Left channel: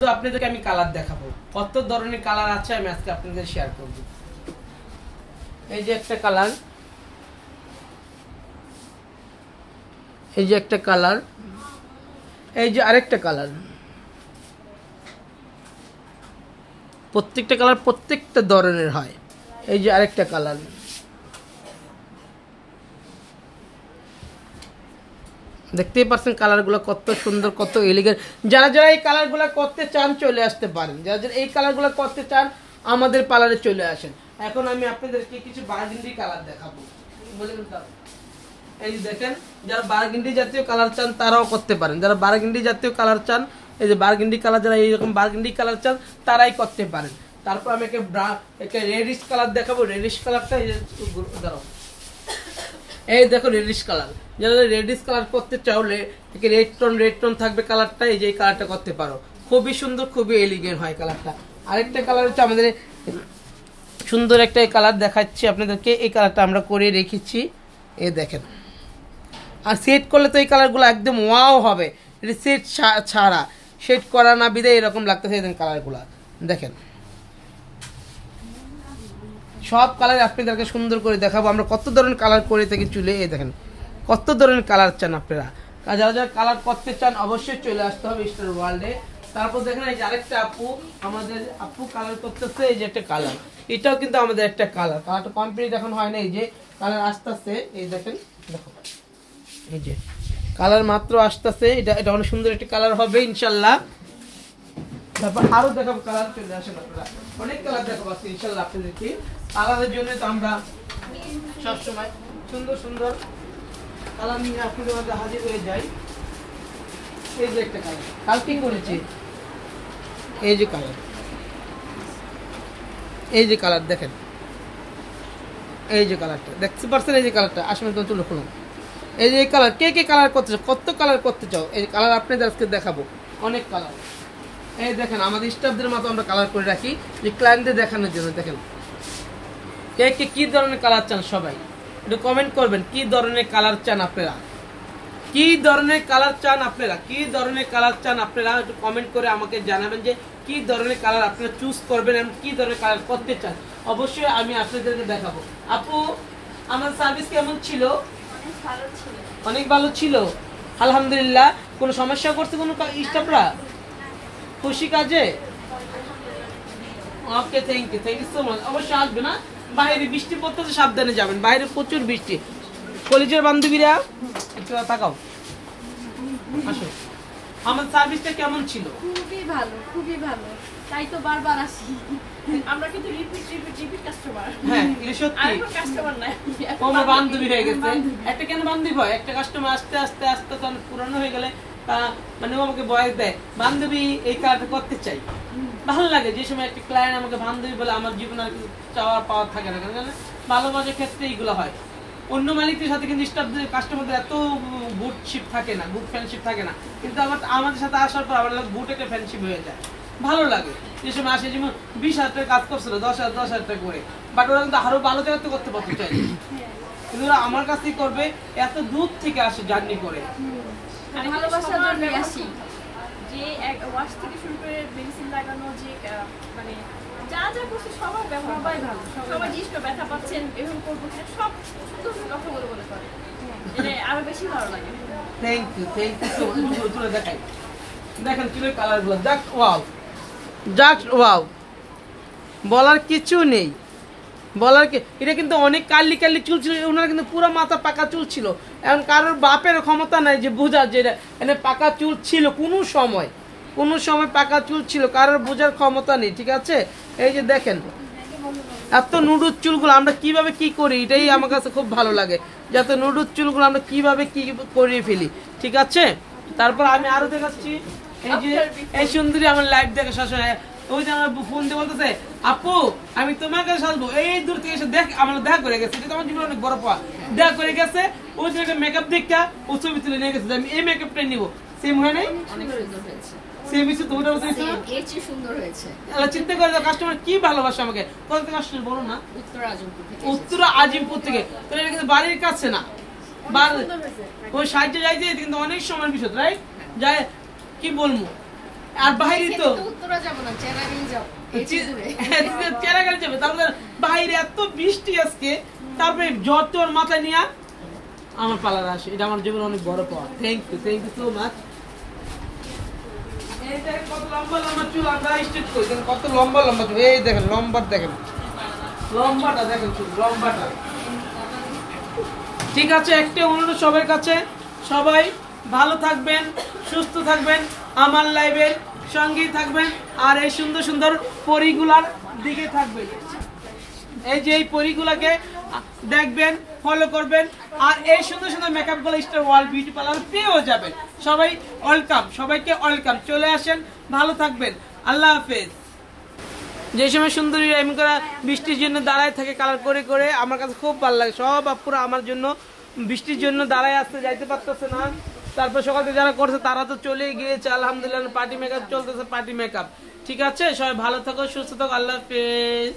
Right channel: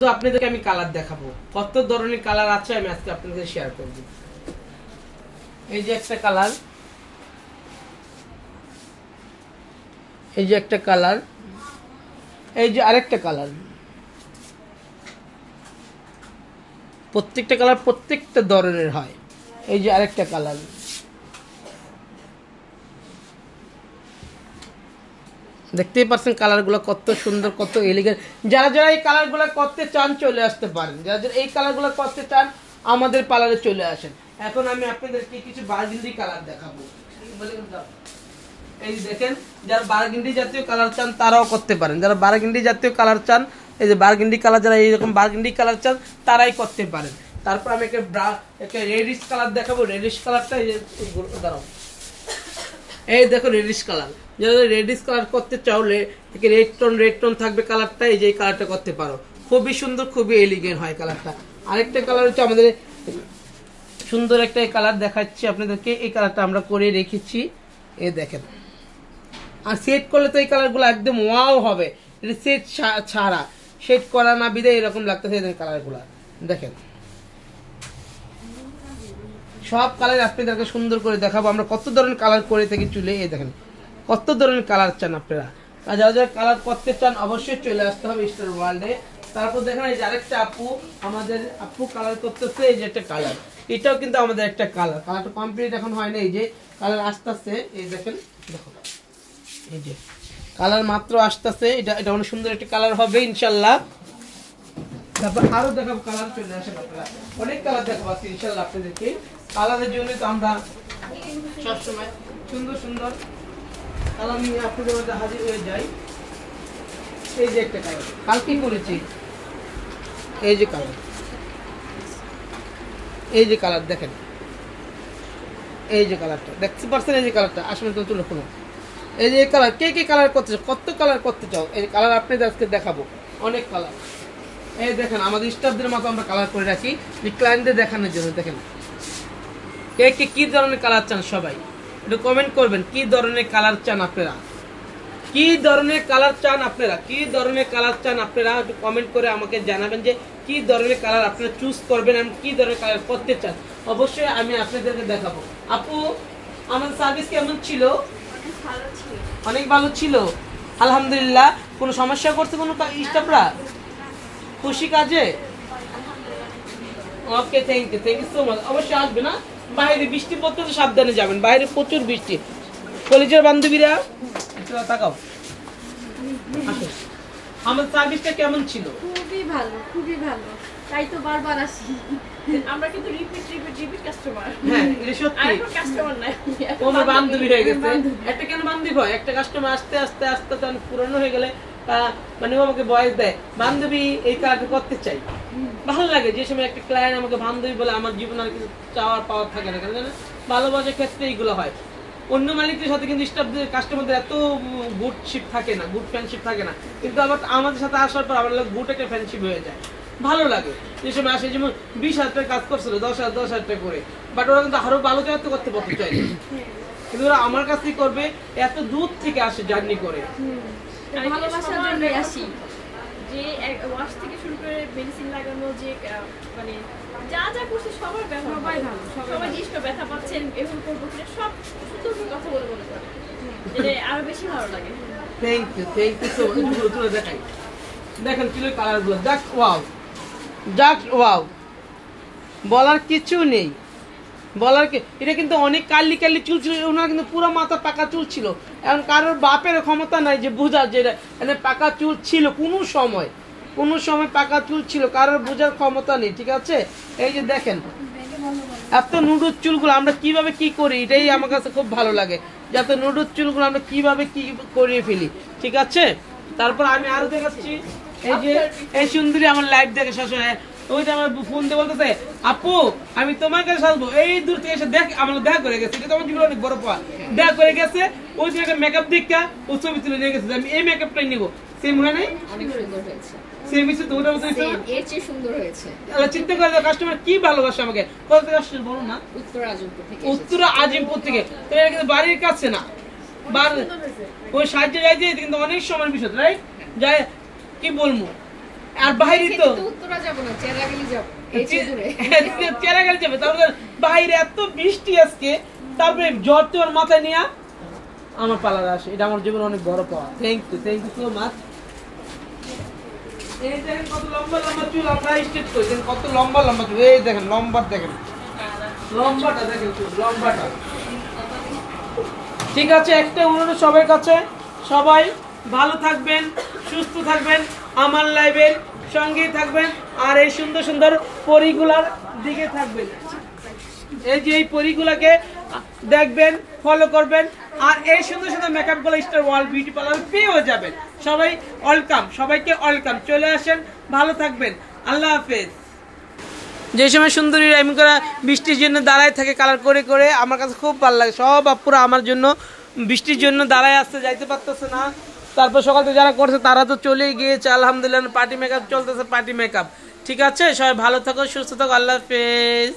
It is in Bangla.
তো আপনাদেরকে আমি কালার দেখাবো, কত ধরনের কালার আছে আমি আজকে আপনাদের শেয়ার করব। এই যে একটা কালার, এই যে একটা কালার, এই যে আরেকটা কালার, প্রত্যেকটা কালার প্রত্যেকটা ধরনের হয়। এই যে আরেকটা কালার, দেখতেই পাচ্ছেন কালারগুলো কত সুন্দর, কত এলিগেন্ট। যারা যারা এই কালারগুলো করতে চান চলে আসতে পারেন, যারা যারা এই কালারগুলো করতে চান আমাদের পার্লারে চলে আসেন। এখন আমি আপনাদেরকে কিছু বারগেন্ডি কালার দেখাবো। এই দেখেন, যারা বারগেন্ডি জাতীয় কালার চান তারাও করতে পারেন। যারা বারগেন্ডি জাতীয় কালার চান, এই যে বারগেন্ডি কালার, যারা এইরকম বারগেন্ডি কালার চান তারাই করতে পারেন। তারপর আমি একটা রেডিশ কালার দেখাবো। রেডিশ কালারটা এই যে দাঁড়াও, এই দেখো রেডিশ কালার। যারা রেডিশ কালার করতে চাও, রেড টোন থাকবে কালারটা, এই যে এই কালারটা করতে পারো। খুবই সুন্দর, খুবই এলিগেন্ট হয় কালারটা। আরেকটা কালার হচ্ছে আমাদের সুন্দর একটা কালার দেখাচ্ছি আপনাদেরকে। এই কালারটা আমরা করে রেখেছি, এই দেখেন। আর সেট করলে তো এই কালারগুলো একদম ওয়াও হবে। এটা সেট ছাড়া, সেট করা না বিদায় এরকম লাগতেছে কালারগুলো। দেখেন সব কালার আপনাদেরকে সুন্দর করে দেখাবো আমরা কত ধরনের কালার করে থাকি চুলে। এই দেখেন কত ধরনের কালার চান আপনারা। যারা যারা কালার করতে চান অবশ্যই চলে আসতে হবে স্টার ওয়ার্ল্ডে। তারপর দেখেন এই যে আরেকটা আপু, আমাদের আপু কালার করতেছে। এই যে একটা কালার, এটাও কিন্তু আমাদের একটা কালার। কালারটা কমপ্লিট এখন হয় না, এই যে কালার আসতেছে। এই দেখেন, দেখো এই যে কালার মাত্র আসতেছে। এটা অনেক সুন্দর একটা কালার হবে ইনশাল্লাহ। তারপর আরো দেখাবো কালার, চলে আসেন আপনারা। অনেক কালার দেখাবো আজকে ইনশাল্লাহ আপনাদেরকে। কালারের জন্য তো আমরা সবসময় সুন্দর সুন্দর কালার নিয়ে আপনাদের মধ্যে হাজির হয়ে যাই। এই যে একটা কালার কালকে করেছি, এই যে কালার, এই যে কালার দেখেন, এই যে কালারটা দেখতে পাচ্ছেন। এই যে কালারটা আসলে তো চলো কোনো, এই যে কালার কে কে কালার করতে চাও, কত কালার করতে চাও, এই কালার আপনাদের আজকে দেখাবো। অনেক কালার, এই দেখেন আমাদের স্টাফদের মতো আমরা কালার করে রাখি যে ক্লায়েন্টদের দেখানোর জন্য। দেখেন কে কে কি ধরনের কালার চান, সবাই একটু কমেন্ট করবেন কি ধরনের কালার চান আপনারা, কি ধরনের কালার চান আপনারা, কি ধরনের কালার চান আপনারা একটু কমেন্ট করে আমাকে জানাবেন যে কি ধরনের কালার আপনারা চুজ করবেন এবং কি ধরনের কালার করতে চান। অবশ্যই আমি আপনাদেরকে দেখাবো। আপু আমার সার্ভিস কেমন ছিল? অনেক ভালো ছিল আলহামদুলিল্লাহ। কোনো সমস্যা করছে কোনো স্টাফরা? খুশি কাজে? ওকে, থ্যাংক ইউ সো মাচ। অবশ্যই আসবে না, বাইরে বৃষ্টি পড়তেছে, সাবধানে যাবেন, বাইরে প্রচুর বৃষ্টি। কলেজের বান্ধবীরা একটু তাকাও, আসো। আমার সার্ভিসটা কেমন ছিল? খুবই ভালো, খুবই ভালো, তাই তো বারবার আসি। আমরা কিন্তু রিপিট কাস্টমার। হ্যাঁ এটা সত্যি, আর কাস্টমার নাই, কোনো বান্ধবী হয়ে গেছে। একটা কেন বান্ধবী হয়, একটা কাস্টমার আস্তে আস্তে আস্তে পুরানো হয়ে গেলে মানে ও আমাকে বয়স দেয়, বান্ধবী এই কাজটা করতে চাই। ভালো লাগে যে সময় একটা ক্লায়েন্ট আমাকে বান্ধবী বলে, আমার জীবনে আর কিছু চাওয়ার পাওয়ার থাকে না। কেন ভালোবাসার ক্ষেত্রে এইগুলো হয়। অন্য মালিকদের সাথে কিন্তু স্টাফদের কাস্টমারদের এত গুডশিপ থাকে না, গুড ফ্রেন্ডশিপ থাকে না। কিন্তু আবার আমাদের সাথে আসার পর আমার গুড একটা ফ্রেন্ডশিপ হয়ে যায়, ভালো লাগে। যে সময় আসে যেমন 20,000 টাকা কাজ করছিল, 10,000 টাকা করে, বাট ওরা কিন্তু আরো ভালো জায়গাতে করতে পারতে চাই, কিন্তু ওরা আমার কাছ থেকে করবে, এত দূর থেকে আসে জার্নি করে। ভালোবাসার জন্য আসি। যে এক ওয়াশ থেকে শুরু করে মেডিসিন লাগানো, যে মানে যা যা করছে সবার সবাই ভালো, সবাই জিনিস ব্যথা পাচ্ছেন এরকম করবো, সব সুন্দর কথা বলে বলে করে, এটা আরো বেশি ভালো লাগে। Thank you so much. দেখাই, দেখেন চুলের কালারগুলো, জাস্ট ওয়াও, জাস্ট ওয়াও, বলার কিছু নেই, বলার কি। এটা কিন্তু অনেক কালি কালি চুল ছিল, ওনার কিন্তু পুরো মাথা পাকা চুল ছিল। এখন কারোর বাপের ক্ষমতা নাই যে বোঝার যে এটা পাকা চুল ছিল, কোনো সময় পাকা চুল ছিল, কারোর বোঝার ক্ষমতা নেই, ঠিক আছে। এই যে দেখেন এত নুডুর চুলগুলো আমরা কিভাবে কি করি, এটাই আমার কাছে খুব ভালো লাগে, যাতে নুডুর চুলগুলো আমরা কিভাবে কি করিয়ে ফেলি, ঠিক আছে। তারপর আমি আরো দেখাচ্ছি, এই যে এই সুন্দরী আমার লাইভ দেখে শাশুড়ি, ওই যে আমার ফোন দিয়ে বলতেছে আপু আমি তোমাকে সাজবো, এই দূর থেকে এসে দেখ আমার দেখা করে গেছে, এটা তোমার জীবনে অনেক বড় পাওয়া, দেখা করে গেছে। ওই যে একটা মেকআপ দেখা ও ছবি তুলে নিয়ে গেছে, আমি এই মেকআপটাই নিবো। সেম হয় নাই? অনেক সুন্দর হয়েছে, সেম হয়েছে তো, ওটা এর চেয়ে সুন্দর হয়েছে। চিন্তা করে কাস্টমার কি ভালোবাসে আমাকে। কত থেকে আসছেন বলো না? উত্তর আজিমপুর থেকে। তো এটা কিন্তু বাড়ির কাছে না, ওই সাইডে যাইতে কিন্তু অনেক সময়ের বিষয়, রাইট? যাই কি বলবো, আর বাইরে তো উত্তরা যাব না, চেরাগি যাব। চেরাগি যাবে, তারপর বাইরে এত বৃষ্টি আজকে, তারপরে জ্বর তোর মাথায় নিয়ে আমার পার্লার আসে, এটা আমার জীবনে অনেক বড় পাওয়া। Thank you so much. এই দেখেন কত লম্বা লম্বা চুল, আপনারা স্ট্রেট করে দেখেন কত লম্বা লম্বা চুল। এই দেখেন লম্বাটা দেখেন চুল লম্বাটা। ঠিক আছে, একটা অনুরোধ সবার কাছে, সবাই ভালো থাকবেন, সুস্থ থাকবেন, আমার লাইভের সঙ্গেই থাকবেন, আর এই সুন্দর সুন্দর পরীগুলার দিকে থাকবেন। এই যে এই পরীগুলাকে দেখবেন, ফলো করবেন, আর এই সুন্দর সুন্দর মেকআপ গুলো স্টার ওয়ার্ল্ড বিউটি পার্লার পেয়েও যাবেন। সবাই ওয়েলকাম, সবাইকে ওয়েলকাম, চলে আসেন, ভালো থাকবেন, আল্লাহ হাফেজ। যে সময় সুন্দরী এমন করে বৃষ্টির জন্য দাঁড়ায় থাকে কালার করে করে, আমার কাছে খুব ভালো লাগে। সব আপুরা আমার জন্য বৃষ্টির জন্য দাঁড়ায় আসতে, যাইতে পারতেছে না। তারপর সকাল থেকে যারা করছে তারা তো চলেই গিয়েছে, আলহামদুলিল্লাহ। পার্টি মেকআপ চলতেছে, পার্টি মেকআপ। ঠিক আছে, সবাই ভালো থাকো, সুস্থ থাকো, আল্লাহ হাফেজ।